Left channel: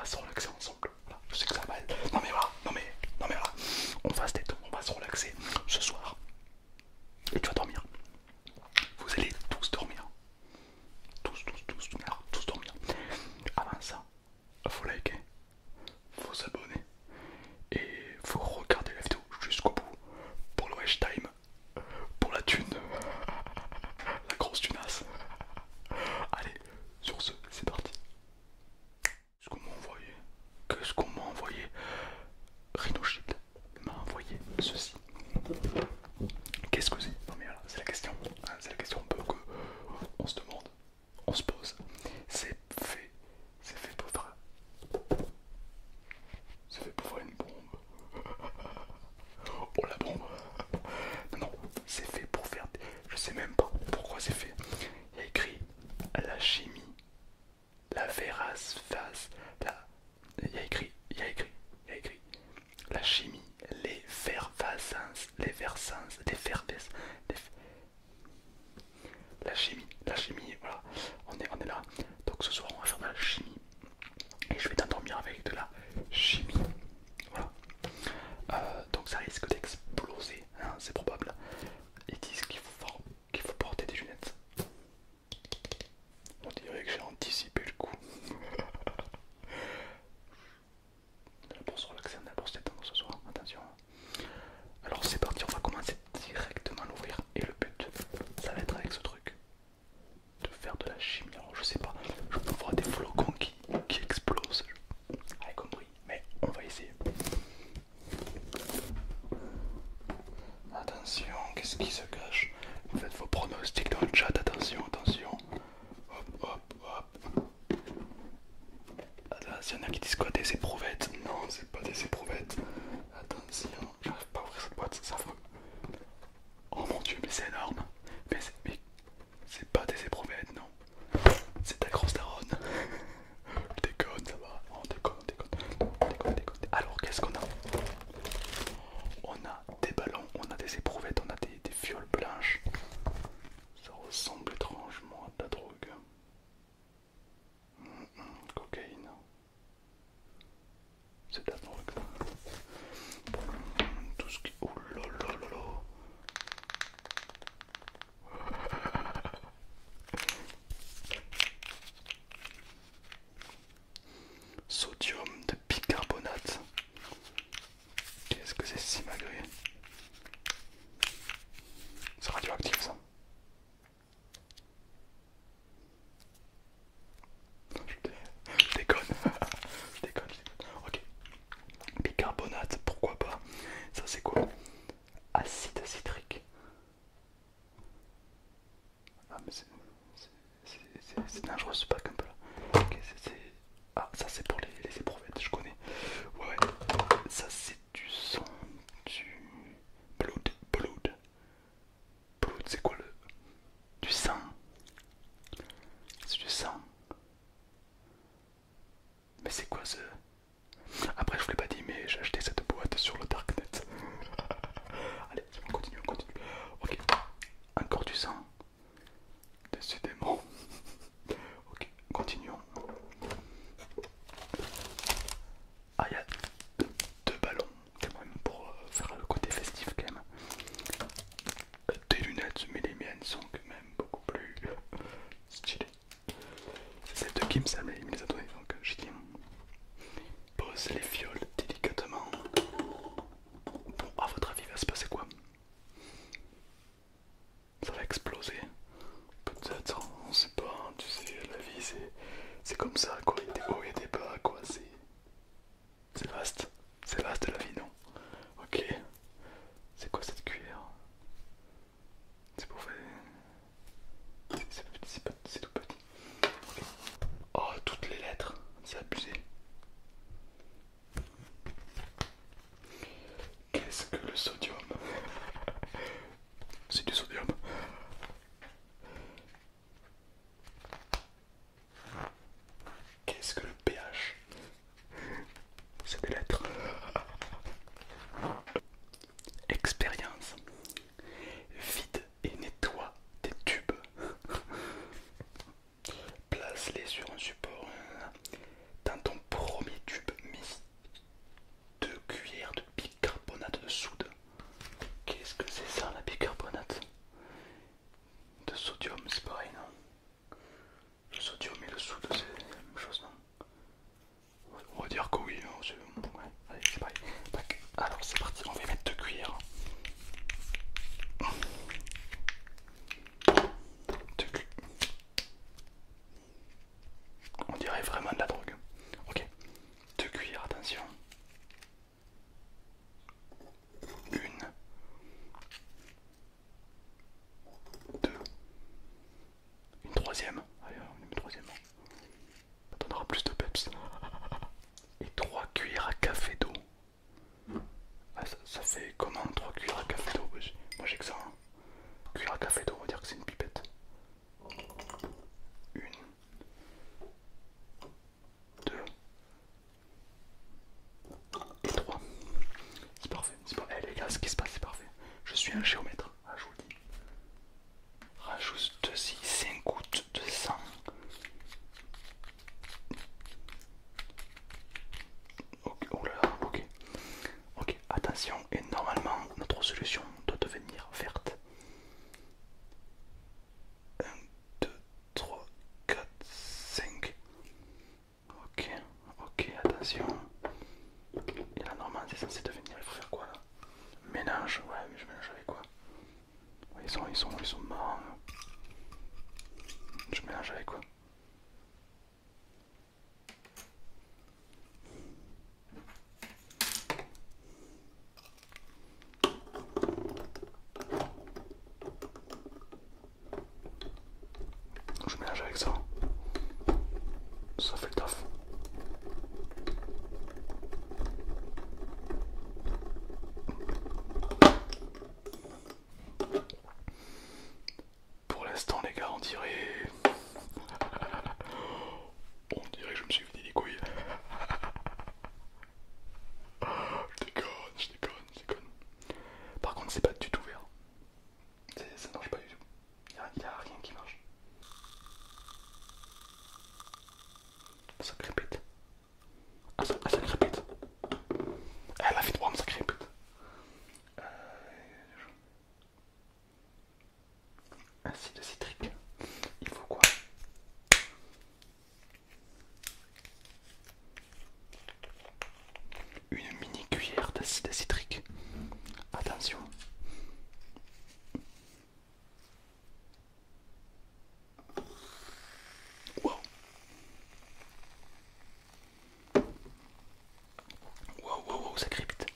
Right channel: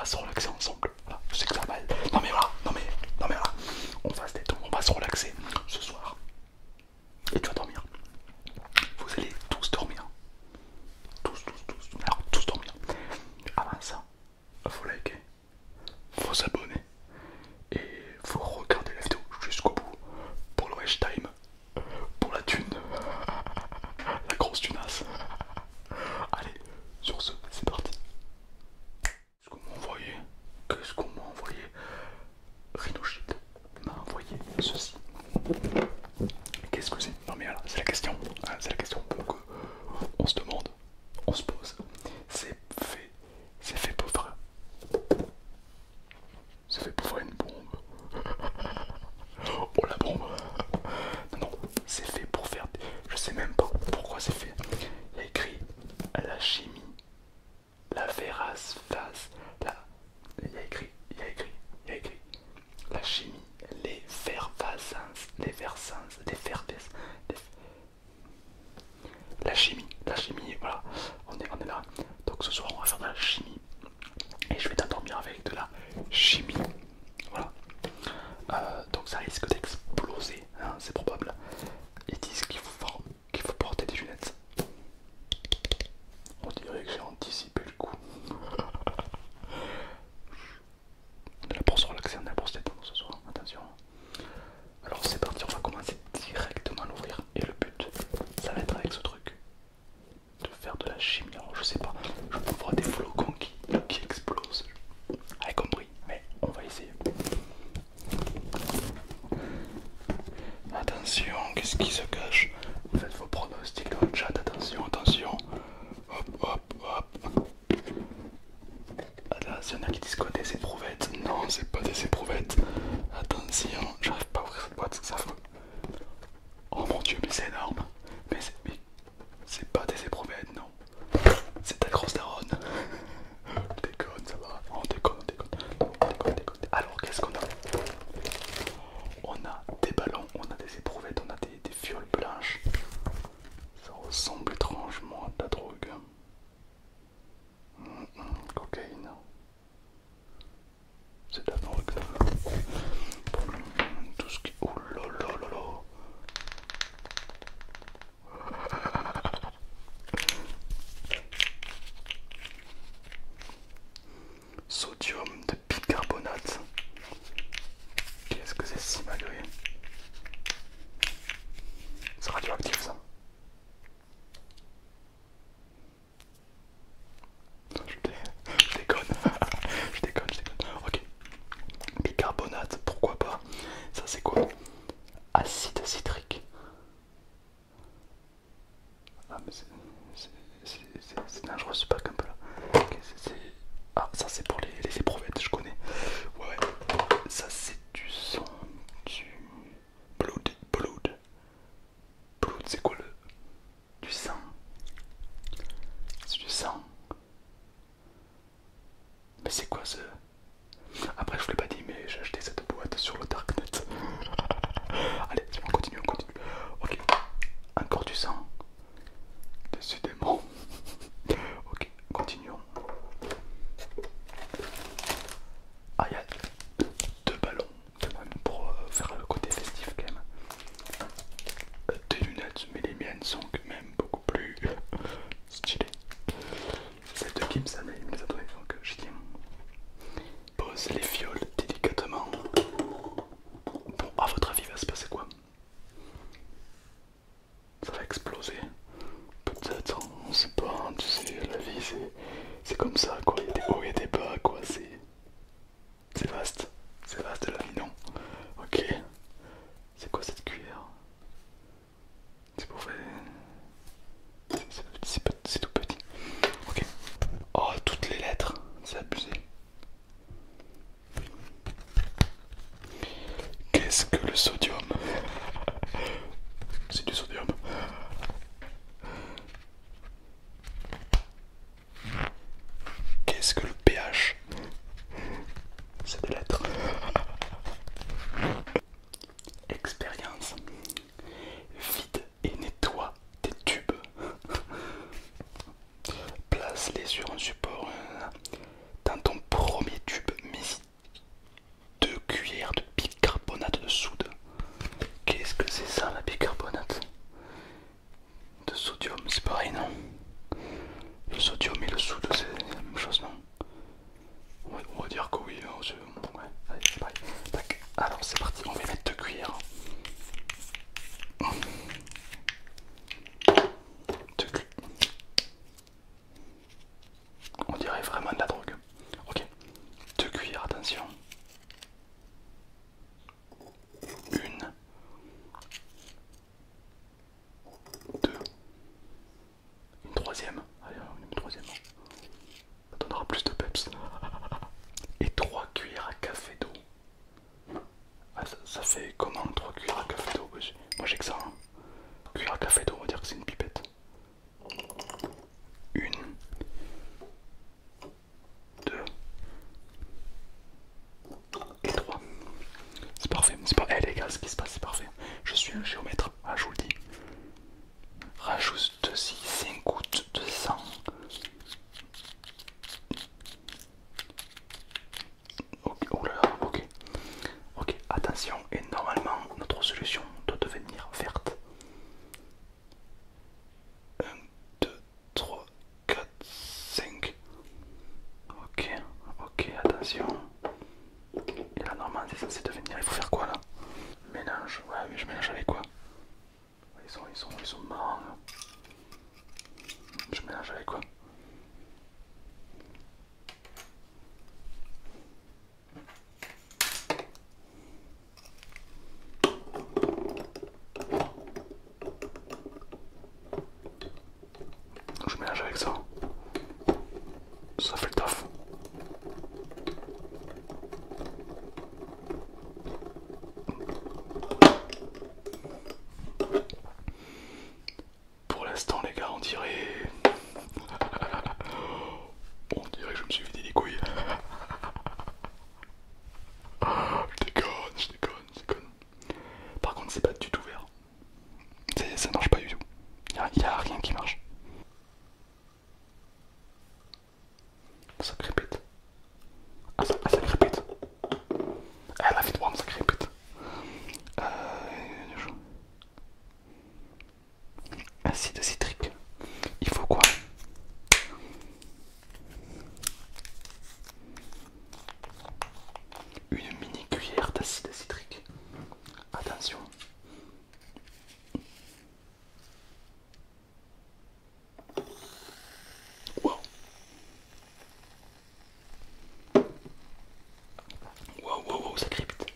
va se relaxer ensemble. Voilà, je sais que ça va mal. Non mais voilà, non mais voilà. On va se détendre, on va se relaxer ce soir. Et tu vas dormir. Vous allez tous dormir. Alors, tous dormir. Avant ça, faut liker, faut s'abonner et faut regarder la vidéo jusqu'au bout pour le rush time, pour la thune, la grosse tunasse. Allez, sur ce, c'est parti. Qu'est-ce qu'on m'a envoyé? Qu'est-ce qu'on m'a envoyé? Rhinoshit m'a envoyé ceci. Qu'est-ce que c'est? Non mais voilà, c'est la question. Hein, c'est la question que on se demande, on se pose. C'est fait pour faire. C'est fait pour faire une bombe. Oh la bombe. Non, non, c'est fait pour faire. Je sais même pas pourquoi c'est fait. Il y a écrit la chimie, la véracité, la. Il y a écrit la chimie, la chimie, voilà, on est là. Donc ce soir on va faire de la chimie et je vais t'endormir avec de la chimie, voilà. Donc ça risque d'exploser, hein, c'est probable. Ils disent qu'il faut porter des lunettes. On dirait que j'ai anticipé le coup. On est là pour se relaxer, on est là pour se détendre ce soir, attention. Alors c'est parti, on va commencer directement à l'ouvrir. Et le but, ça va être avec ce truc, de faire de la chimie. Alors je sais pas, je peux voir des flocons qui explosent, avec compris, mais on va essayer. Attention, qu'est-ce qui se cache? Faites vos pronostics dans le chat, attention, attention. Hop, hop, hop. Attention, il y en a qui disent quoi, des éprouvettes? Non, c'est pas des éprouvettes. Attention, j'arrive pas à ouvrir cette boîte, c'est affreux. Oh mon dieu, mais c'est énorme. Mais c'est pas des éprouvettes, non. C'est ta grosse daronne. Je déconne, ça va. On déconne, on déconne. On déconne, on déconne. Alors, qu'est-ce qu'on a? On a des ballons, on a des éprouvettes, on a des fioles blanches. Ça ressemble étrangement à de la drogue. Cocaïne. C'est de la drogue, ça. Tout ce qui. Oh là là là là. Sodium de bicarbonate. Qu'est-ce que c'est si malgré? C'est radioactif ça. Je déconne. Je déconne, je déconne. Ok. Bicarbonate, pourquoi pas? Ça c'est quoi? Acide citrique. Ah mais c'est dangereux ce pack un peu là. Ah ça c'est pour les éprouvettes, je connais. Ouais. Ça c'est du sang, du blood. Blood c'est quoi le... Du sang. C'est du sang. Mais c'est quoi ce... Après je vous l'ai pas dit mais j'ai acheté cette boîte sur le darknet. Allez, on continue, on continue. Ok, encore du sang. Décidément. Ok, continuons. Ah, il y a deux ballons, quand même, pour faire le côté festif quand même. Des lunettes, mais les miennes sont quand même beaucoup plus stylées. Celle de Kim, ça il me les a données, donc j'ai dit. Pose les fioles délicatement. Bon, à votre avis, il va se passer quoi? Ça va exploser. Peut-être, on sait pas, tu sais, la vie c'est comme ça quoi, il y a des hauts et des bas quoi, c'est vaste la vie non? Ok, c'est quoi cette cuillère? C'est pour faire... C'est tout petit. Ok. Oh, toutes les lettres, c'est abusé. Qu'est-ce que le sodium? C'est du sodium. Qu'est-ce que le pH? C'est des lettres. Expérience. Vide et nettoie tes tubes. Place-les sur un support. Dans ton premier fait comment 3 cuillères à café d'eau? Moi j'ai que ça. Hein. Cuillère à café d'eau, on va dire que c'est une pipette. Une, deux et trois. C'est parfait. C'est pas. Eh les gars, ce qui se passe, c'est parfait. Je suis un géomètre, ah, je vous le dis. Rajoute 5 gouttes de sang. Ok, oh là là, ok. Ok, attention, et normalement notre solution doit devenir verte. 1, 2, 3, 4, 5. Ok, ok, attention. Et là normalement c'est censé devenir, il faut faire quoi là? Mélange, ouais mais je mélange avec quoi? Ils sont marrants. Hein. Je mélange avec quoi? Je mélange avec ça. Ça fait le taf. Pour l'instant les gars, on dirait que je me suis vidé les couilles. Je déconne, je déconne, je déconne. Par contre c'est pas du tout vert. Ça marche pas du tout. Il y a rien qui marche. Ça crépite. Ça crépite. Elle a fait de ça crépite. Euh, Acide citrique. Il faut quoi? Une mini cuillère d'acide citrique. Attention. Wow. Wow, ça crépite.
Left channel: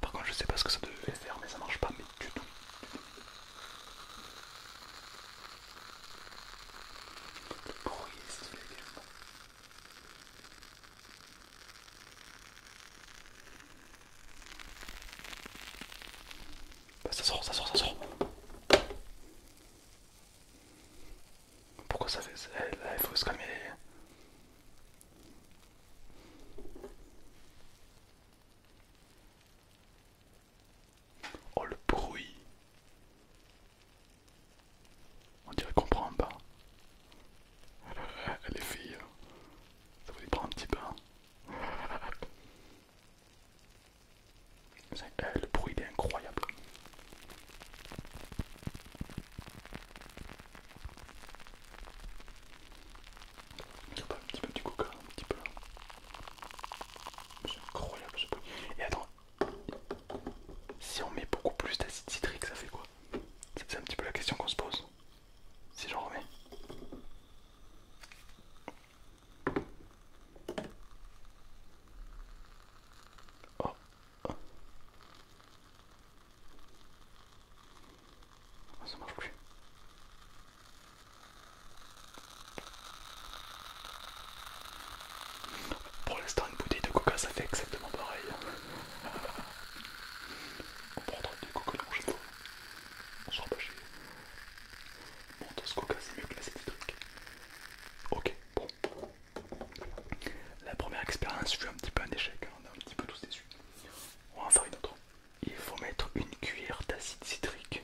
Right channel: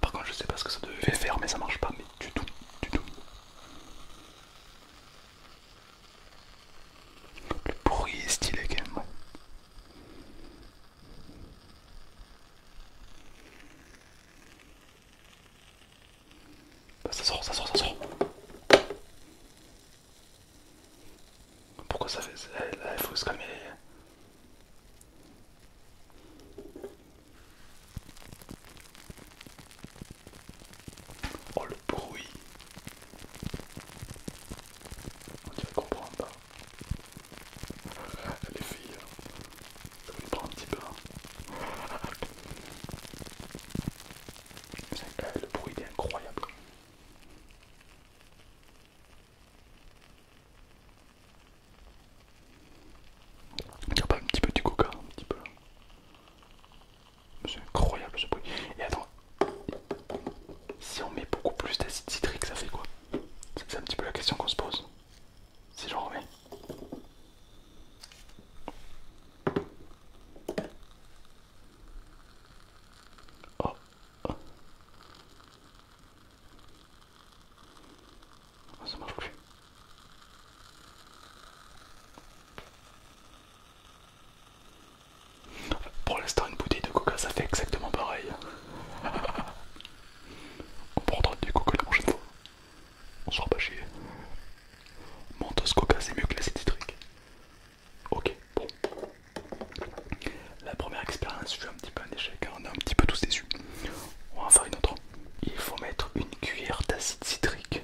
Par contre, je sais pas ce que ça devait faire, mais ça marche pas, mais du tout, du tout. Le bruit est stylé quand même. Bah, ça sort, ça sort, ça sort. Pourquoi ça fait ça? Là, il faut se calmer. Oh le bruit. On dirait qu'on prend un bain. Les filles, ça vous prend un petit bain. Le bruit est incroyable. On dirait pas un petit peu du coca, un petit peu. C'est incroyable ce bruit. Et attends, si on met beaucoup plus d'acide citrique, ça fait quoi? C'est un petit peu la question qu'on se pose. Si j'en remets. Oh. Oh. Oh, ça marche plus. Pour l'instant, une bouteille de coca, ça fait exactement pareil. On prendra du coca la prochaine fois. On sera pas chier. Mentos coca, c'est mieux que l'acide citrique. Ok, bon. La première expérience fut un petit peu un échec, hein. On est un petit peu tous déçus. On va en faire une autre. Il faut mettre une cuillère d'acide citrique.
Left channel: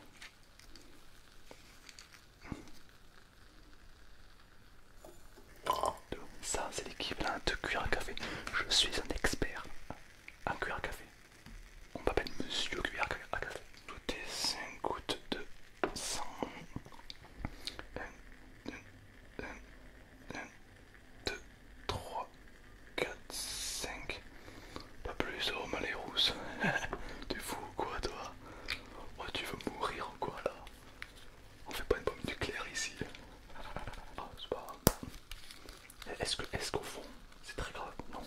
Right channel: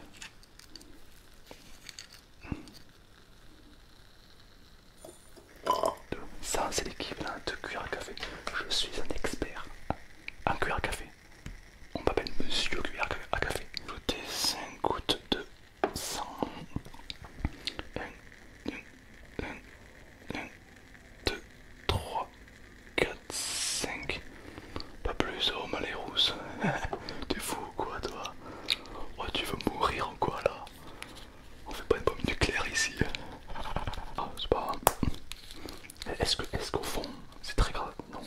Ça, c'est l'équivalent de cuillère à café. Je suis un expert. Un cuillère à café. On m'appelle Monsieur Cuillère à café. Ajoutez 5 gouttes de sang. 1, 2, 3, 4, 5. Pas plus, oh ma les rousses. T'es fou ou quoi toi? Oh tu veux mourir ou quoi là? On fait pas une bombe nucléaire ici. Ah c'est pas grave. Est-ce qu'au fond c'est très grave? Non.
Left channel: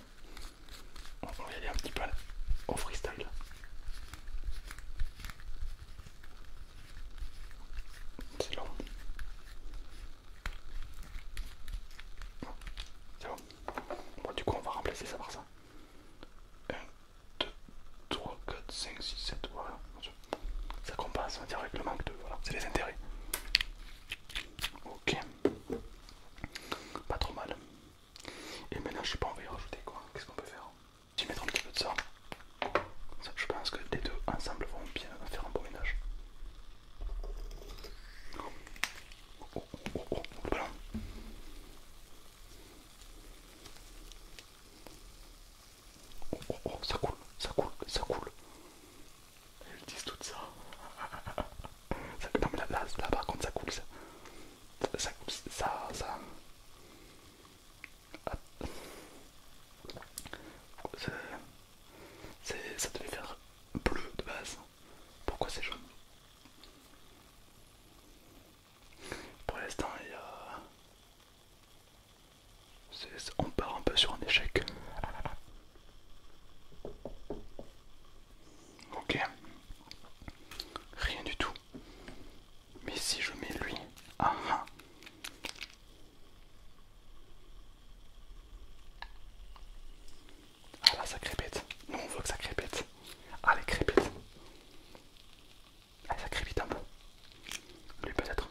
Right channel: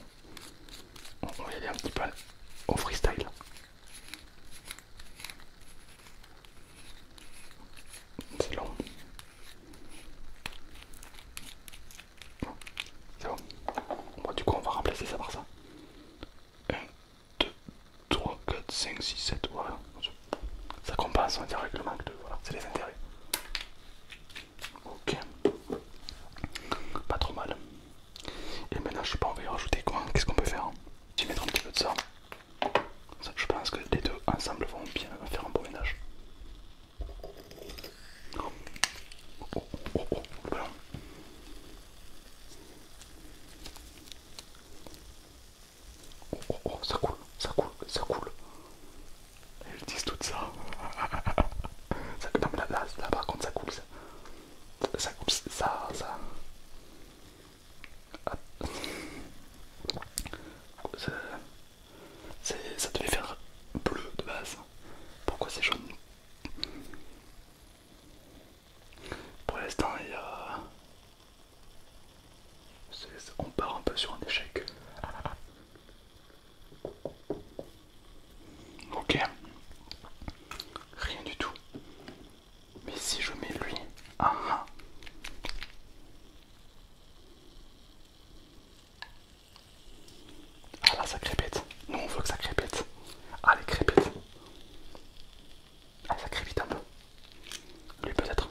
5, 6, 7, voilà. Ça compense, on va dire, avec le manque de... Voilà, c'est les intérêts. Ok. Pas trop mal. Et maintenant, je sais pas, on va y rajouter quoi? Qu'est-ce qu'on peut faire? Je vais mettre un petit peu de ça. Je pense que les deux ensemble vont bien faire un bon ménage. Oh, oh, oh, oh, le ballon. Oh, oh, oh, ça coule, ça coule, ça coule. Elles disent tout ça. Non mais là par contre ça coule, ça coule, ça. Ça devait faire bleu de base. Pourquoi c'est jaune? Pour l'instant, il y a... on part un peu sur un échec. Ok. Rien du tout. Mais si je mets lui... Ah ah. Ah là, ça crépète. Nous, on veut que ça crépète. Ah, les crépète. Ah, ça crépite un peu. Lui, peut-être.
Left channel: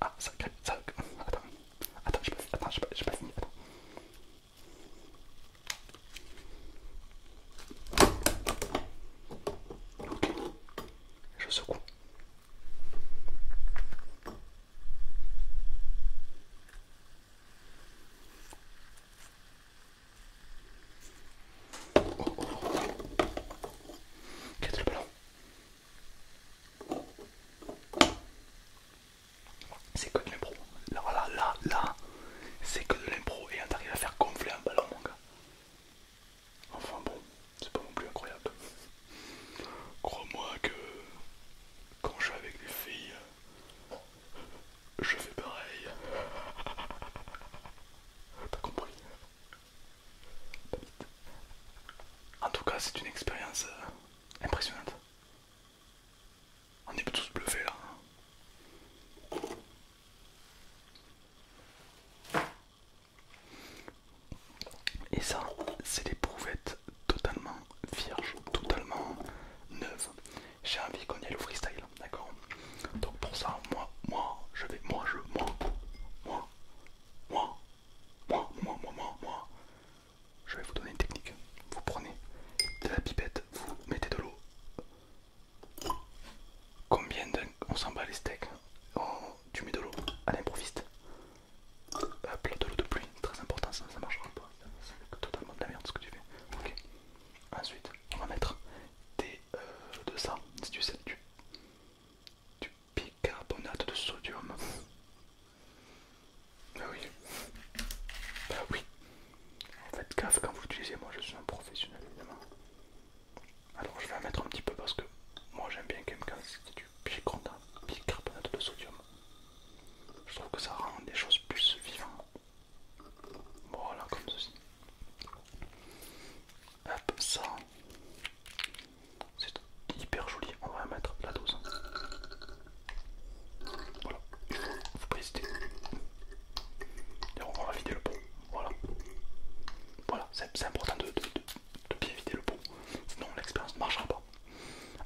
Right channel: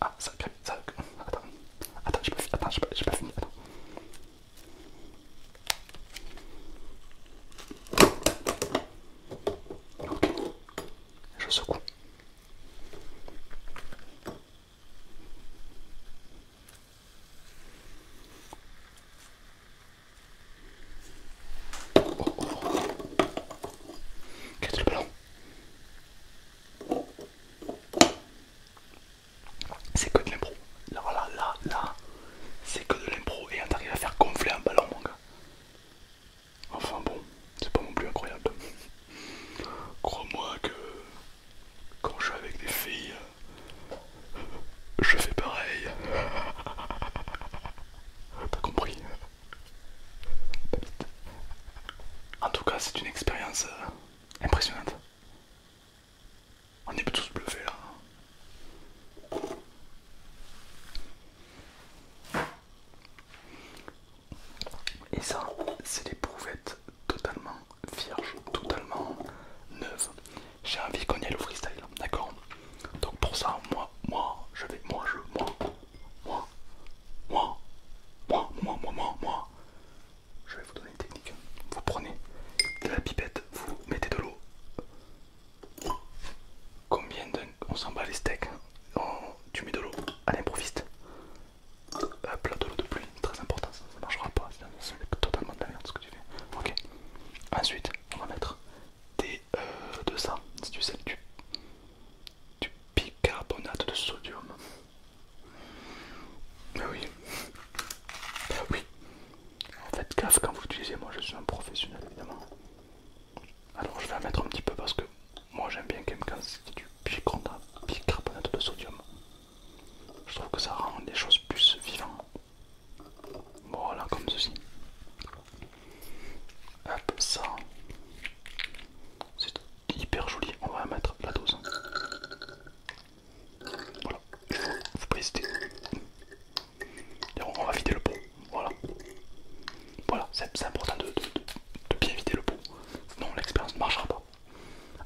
Ah, ça crépite. Ça... Attends, j'ai pas fini. Attends. Ok. Je secoue. Quel est le ballon? C'est que de l'impro. Là, c'est que de l'impro et on arrive à faire gonfler un ballon, mon gars. Enfin bon, c'est pas non plus incroyable. Crois-moi que quand je suis avec des filles, je fais pareil. T'as compris? En tout cas, c'est une expérience impressionnante. On est tous bluffés là. Et ça, c'est les prouvettes totalement vierges, totalement neuves. J'ai envie qu'on y aille au freestyle, d'accord? Donc pour ça, moi, je vais vous donner une technique. Vous prenez de la pipette, vous mettez de l'eau. On s'en bat les steaks, tu mets de l'eau à l'improviste. Hop là, de l'eau de pluie, très important, ça ne marchera pas, c'est totalement de la merde ce que tu fais. Ok. Ensuite, on va mettre de ça, si tu sais, du bicarbonate de sodium. Bah oui. Bah oui. En fait, gaffe quand vous l'utilisez, moi je suis un professionnel évidemment. Alors je vais en mettre un petit peu parce que moi j'aime bien quand c'est du bicarbonate de sodium. Je trouve que ça rend les choses plus vivantes. Voilà, comme ceci. Hop, ça. C'est hyper joli. On va mettre la dose. Voilà. Faut préciser. On va vider le pot. Voilà. Voilà, c'est important de bien vider le pot. Sinon l'expérience ne marchera pas.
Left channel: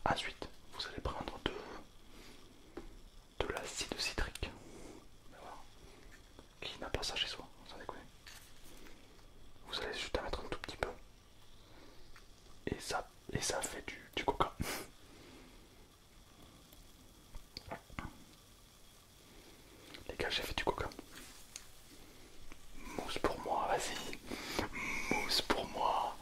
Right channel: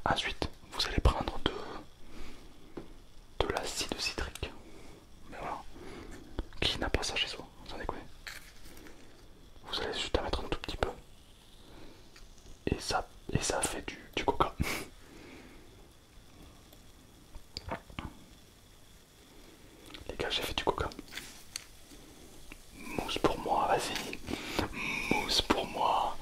Ensuite, vous allez prendre de l'acide citrique. Mais voilà. Qui n'a pas ça chez soi, sans déconner. Vous allez juste en mettre un tout petit peu. Et ça fait du coca. Les gars, j'ai fait du coca. Mousse pour moi, vas-y. Mousse pour moi.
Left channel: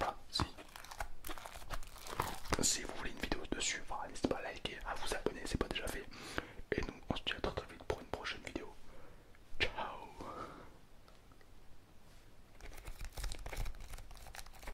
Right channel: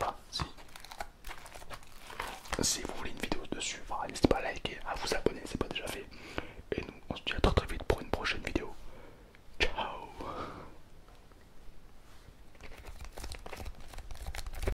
Voilà, si vous voulez une vidéo dessus, voilà, n'hésitez pas à liker, à vous abonner, c'est pas déjà fait.